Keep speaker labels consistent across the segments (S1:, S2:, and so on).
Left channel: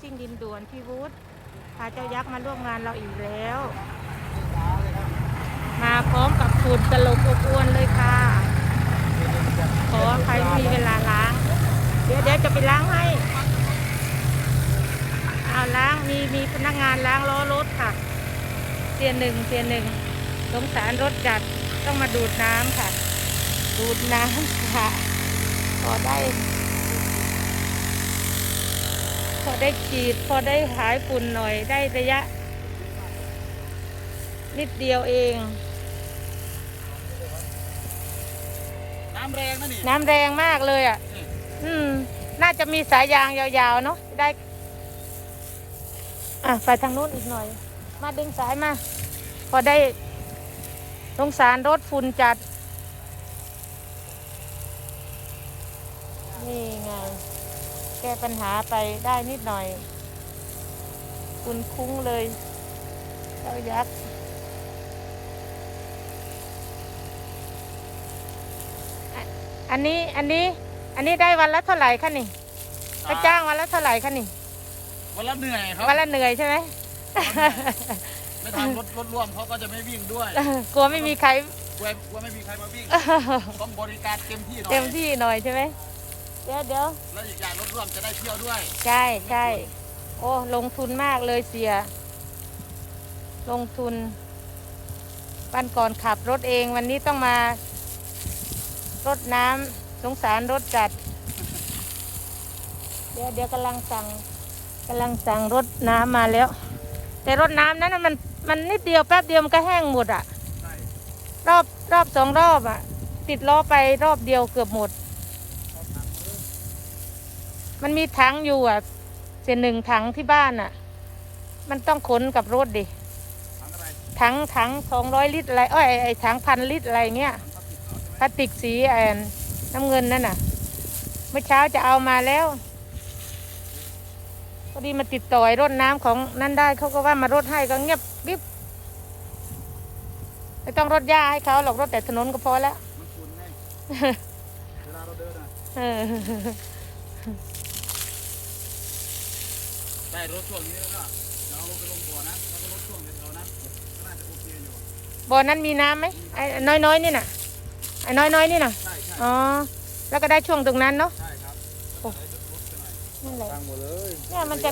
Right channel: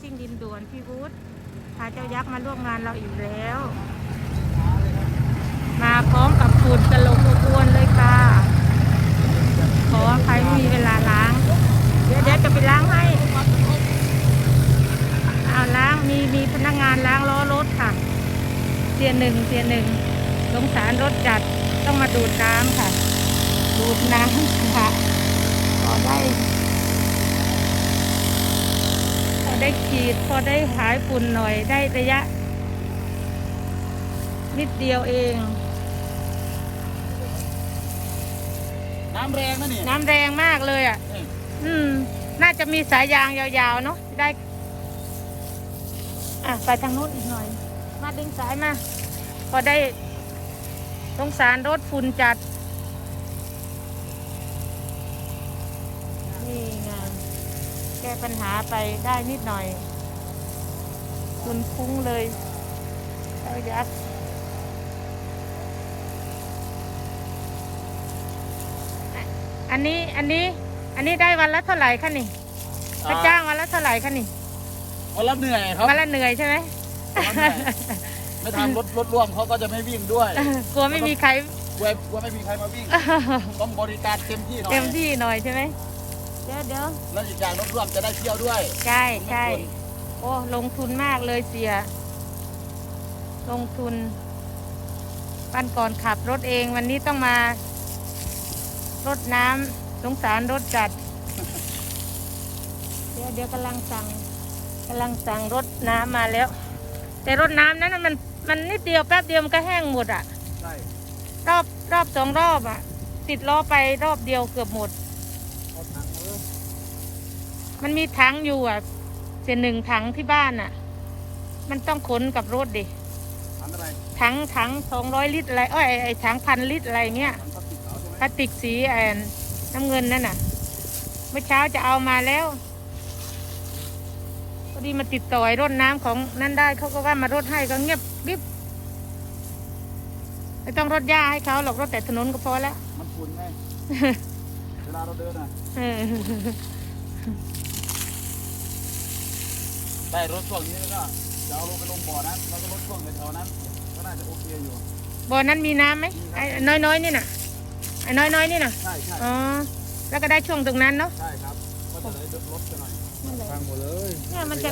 S1: ซิ่งดินด่วนพี่วุฒิพาเจ้ายักษ์มาร่วมงานเราอีกแล้ว มาพร้อมกับฝุ่นตลบอบอวนเลยค่ะ ขอใครไม่มีเวลาล้าง เดี๋ยวเดี๋ยวจะไปล้างให้เอาล้างมีมีพนักงานล้างล้อรถค่ะเตียนหนึ่งเตียนหนึ่งสงสารรถจัดต้องมาดูดน้ำค่ะ ดูดน้ำค่ะพอได้ ได้ขีด พอได้หายฝุ่นหน่อยได้ระยะ นิดเดียวเอง
S2: น้ำแรงนะนี่
S1: น้ำแรงมากเลยอะ
S2: นี่
S1: อืม น่าจะมีสายยางยาวๆเนาะได้ อะไปทางนู้นอีกหน่อย มาดึงสายมา พอได้สงสารรถฝุ่นจัด นี่ไง แก้ปัญหาไปได้นิดหน่อย คุณคุ้งเลย เจ้ายักษ์อะอันนี้อันนี้อันนี้ได้วันละเท่าไหร่คะนี่ค่าจ้างวันละเท่าไหร่คะนี่
S2: วันละเหนื่อยครับ
S1: วันละเหนื่อยใช่ไหม
S2: วันละเหนื่อยไม่ทำรถรถร่วมเขาก็จะไม่วิ่งด้วย
S1: กลัวไม่มีใคร
S2: กลัวกลัวไม่มีใครมาวิ่ง ต้องบริการเต็มที่หน่อย
S1: เต็มที่หน่อยใช่ไหม เดี๋ยวเดี๋ยว
S2: แล้วอีกอย่างรถร่วมจะได้เที่ยวด้วย
S1: ใช่
S2: ไม่
S1: ใช่
S2: ควร
S1: โอ้ลงทุนมากเลยเสีย ลงทุนวันก่อนขับรถเองวันนี้ต้องมารดน้ำสงสารรถจัด เดี๋ยวเดี๋ยวกำลังสั่งกำลังสั่งรถน้ำมาแล้ว แต่รถน้ำนั้นน่ะมันมันนิดเดียวแป๊บเดียวมันก็แห้งหมดอะ
S2: ใช่
S1: รอบรอบสองรอบอะติดล้อไปรอบเดียวเกือบหมด
S2: เอาถังเออ
S1: มันมีถังอยู่อะเจนหนึ่งถังที่บ้านอะ มันต้องขนกับรถดิ
S2: ถังอะไร
S1: ถังถังสองร้อยลิตรอะไรเอ้ยไอ้ไอ้ถังพันลิตรอะไรเงี้ย
S2: ถังพลาสติกขาวใช่ไหม
S1: พลาสติกสีแอนน้ำเงินนั่นน่ะ เมื่อเช้าจะเอามาแล้ว พอดีมาติดต่อไอ้รถน้ำของนั่นได้เขาก็ว่ามารถให้ก็เงียบกริบไม่ต้องรถหญ้าให้เขาหรอกรถแต่ถนนก็พอแล้ว
S2: มันฝุ่นไงเวลาเราเดินอะ
S1: เออ
S2: ได้รถช่วงนี้แล้วก็จะเอาลงไปลงบ่อนั้นแล้วก็รถช่วงแถวๆนั้น ก็น่าจะโอเคอยู่
S1: บ่อนั้นมีน้ำไหม
S2: มีครับ
S1: ไอ้น้อยๆนี่น่ะไอ้น้อยๆนี่น่ะ
S2: ใช่ใช่
S1: อ๋อ แล้วก็ได้ช่วงตรงนั้นเนาะ
S2: ใช่ครับ ก็จะได้ลดไปหน่อย
S1: นั่นแหละเนี่ยมันจะ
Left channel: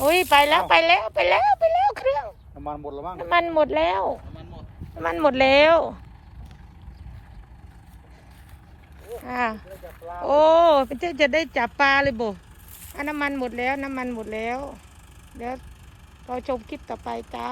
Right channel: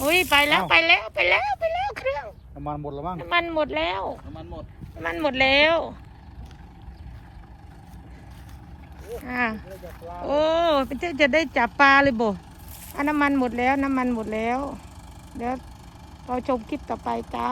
S1: อุ้ยไปแล้วไปแล้วไปแล้วไปแล้วเครื่อง
S2: น้ำมันหมดแล้วมั้ง
S1: น้ำมันหมดแล้ว
S2: น้ำมันหมด
S1: น้ำมันหมดแล้ว อ่าโอ้เปเจ้จะได้จับปลาเลยบ่อะน้ำมันหมดแล้ว น้ำมันหมดแล้ว เดี๋ยวเราชมคลิปต่อไปจ้า